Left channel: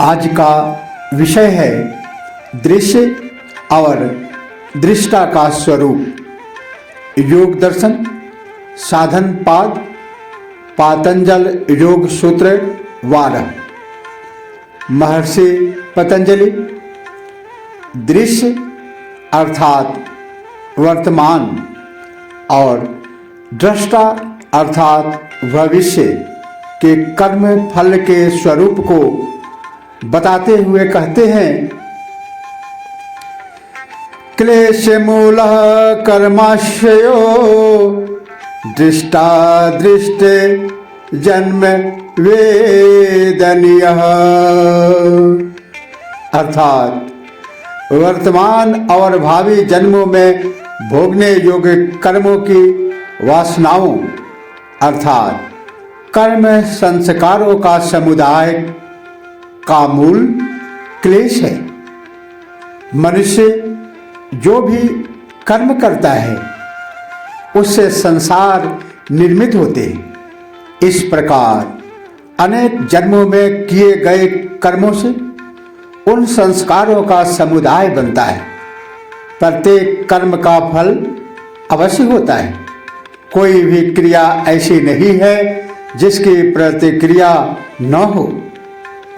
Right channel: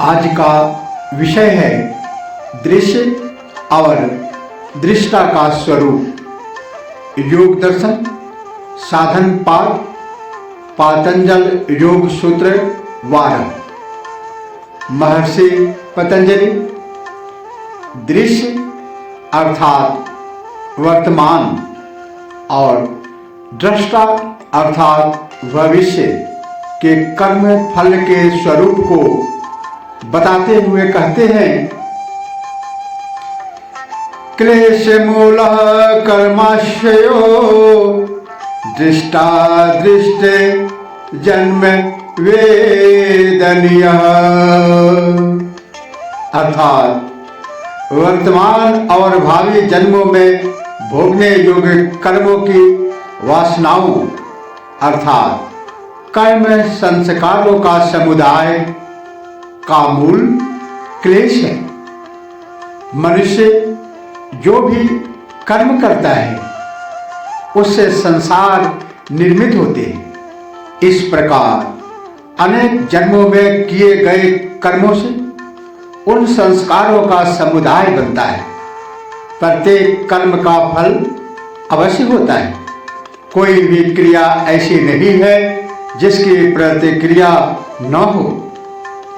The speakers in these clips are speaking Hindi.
आज का विषय है दृश्य और दृष्टा का स्वरूप। योग दर्शन साधन पाद पातंजल योग सूत्र 12। महर्षि पतंजलि दृश्य अर्थात वर्तमान और दृष्टा अर्थात भविष्य के कर्म फल के स्वरूप को बताते हुए कहते हैं, क्लेश मूल कर्माशयो दृष्टा दृष्टे जन्म वेदनीय। अर्थात वर्तमान और भावी जन्मों में भोगने योग्य कर्मों की वासनाओं अर्थात कर्म संस्कारों का समुदाय का मूल क्लेश है। मनुष्य जो भी कर्म करता है उससे संसार निर्मित होते हैं। इस प्रकार अनेक जन्मों में किए गए कर्मों से उन संस्कारों का समुदाय बनता है। प्रत्येक कर्म का फल अवश्य होता है। कोई भी क्रिया ऐसी नहीं है जिसकी प्रतिक्रिया न हो।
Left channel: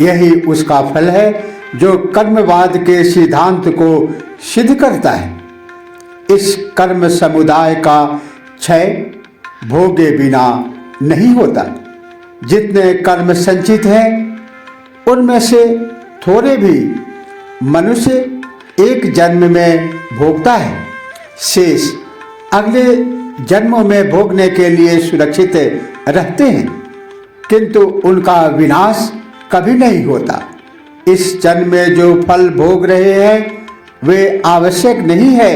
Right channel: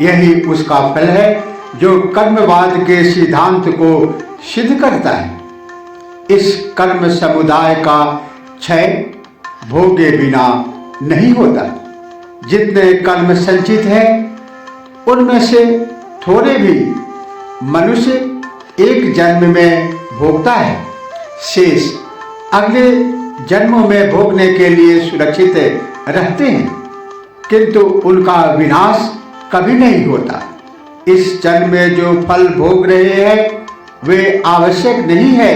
यही उसका फल है जो कर्मवाद के सिद्धांत को सिद्ध करता है। इस कर्म समुदाय का क्षय भोगे बिना नहीं होता। जितने कर्म संचित हैं उनमें से थोड़े भी मनुष्य एक जन्म में भोगता है। शेष अगले जन्मों में भोगने के लिए सुरक्षित रहते हैं, किंतु उनका विनाश कभी नहीं होता। इस जन्म में जो फल भोग रहे हैं वे आवश्यक नहीं है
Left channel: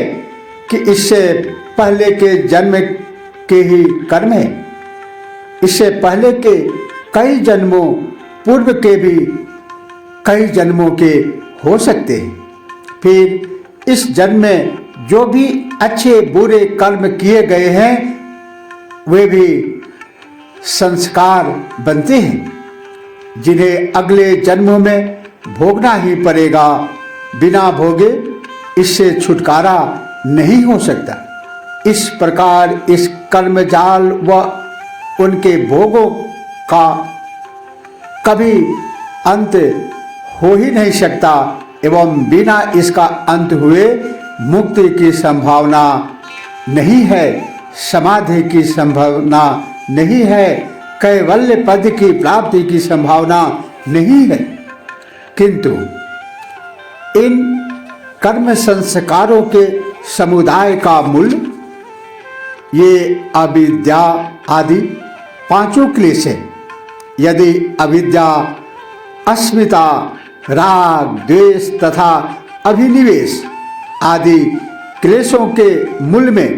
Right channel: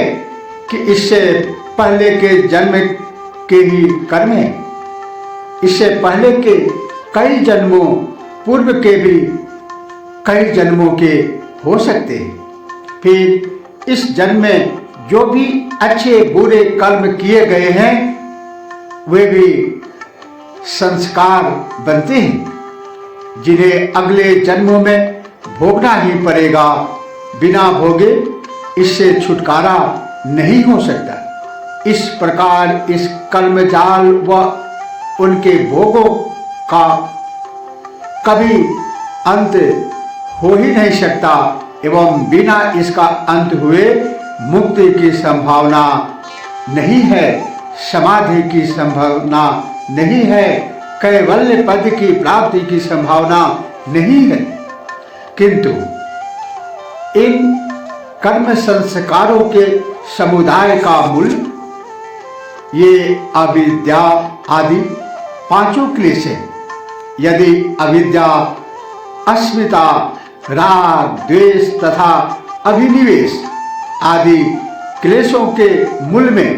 कि इससे पहले के जन्म के ही कर्म है। इससे पहले के कई जन्मों पूर्व के भी कई जन्मों के हो सकते हैं। फिर इस जन्म में जो भी अच्छे बुरे कर्म किए गए हैं वे भी संस्कार बनते हैं, जिन्हें अगले जन्मों में भोगना ही पड़ेगा। बिना भोगे इससे छुटकारा नहीं हो सकता। इस प्रकार इस कर्मजाल व उनके भोगों का कभी अंत हो ही नहीं सकता एवं बिना इसका अंत हुए मुक्ति की संभावना नहीं है, समाधि की संभावना नहीं है, कैवल्य पद की प्राप्ति की संभावना नहीं है। किंतु इन कर्म संस्कारों के समुदाय का मूल ये अविद्या आदि पांचों क्लेश है। यदि अविद्या, अस्मिता, राग, द्वेष तथा अभिनिवेश आदि क्लेशों के मूल में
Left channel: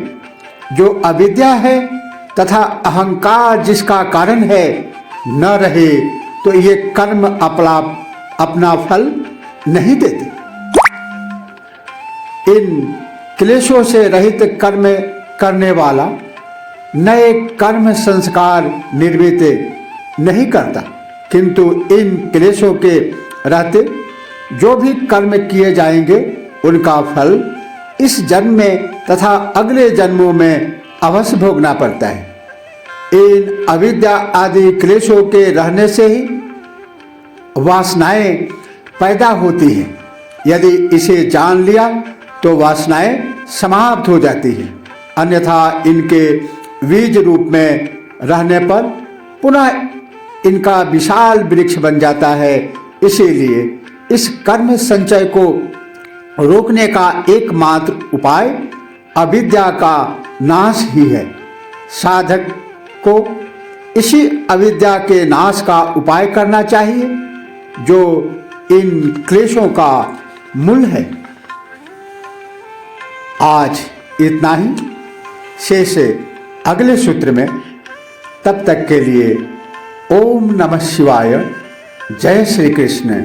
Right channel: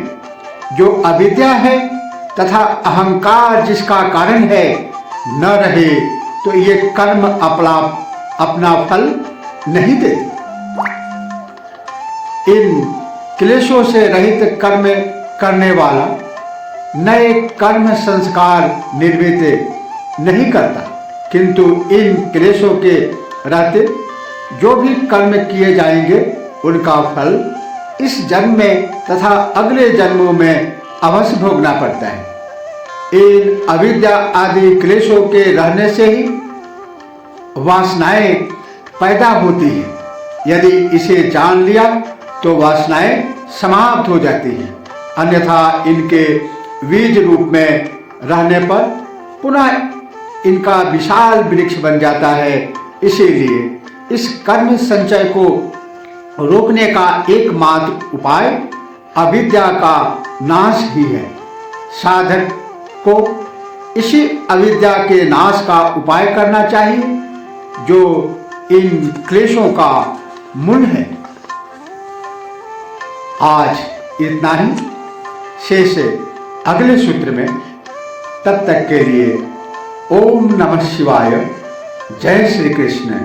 जो अविद्या है तथा अहंकार जिसका कारण है न रहे तो ये कर्म अपना फल नहीं देते। इन क्लेशों से रहित कर्म करने वाला नए कर्म संस्कार निर्मित नहीं करता, किंतु इन क्लेशों के रहते जो भी कर्म किए जाएंगे उनका फल इस जन्म में तथा अगले जन्मों में अवश्य भोगना पड़ता है। इन अविद्या आदि क्लेशों के रहने से ही वासनाएं पैदा होती हैं। यदि इसे जान लिया तो वासनाएं समाप्त हो जाती हैं, अन्यथा इनके बीज रूप में रहने पर पुनः इनका विशाल वृक्ष बन जाता है। इसीलिए इस कर्म संचय को रोकने का एकमात्र उपाय अविद्या का नाश ही है। साधक को इसी अविद्या के नाश का उपाय करना चाहिए जो इन क्लेशों का मूल है। आज इतना ही, शेष अगले सूत्र में। तब तक के लिए ओम नमः शिवाय। जय श्री कृष्ण।